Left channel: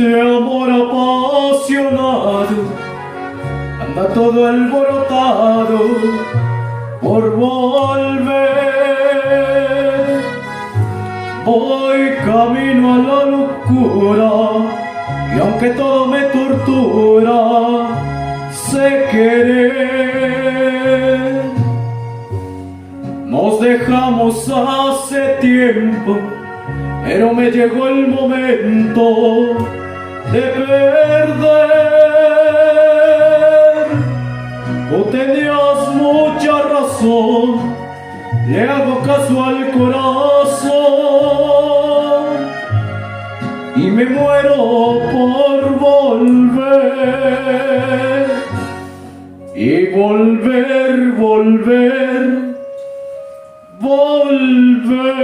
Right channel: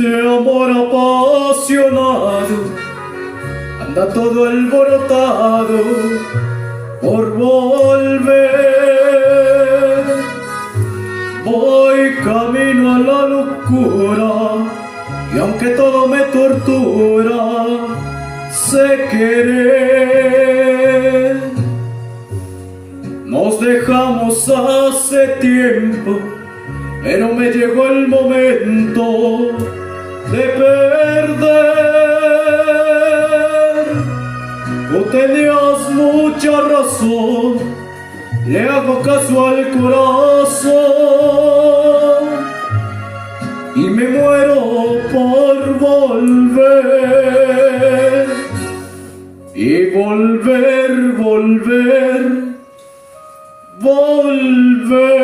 este amor apasionado anda todo alborotado por volver. Voy camino a la locura y aunque todo me tortura, sé querer. Nos dejamos hace tiempo, pero me llegó el momento de perder. Tú tenías mucha razón, le hago caso al corazón y me muero por volver. Y volver, volver, volver.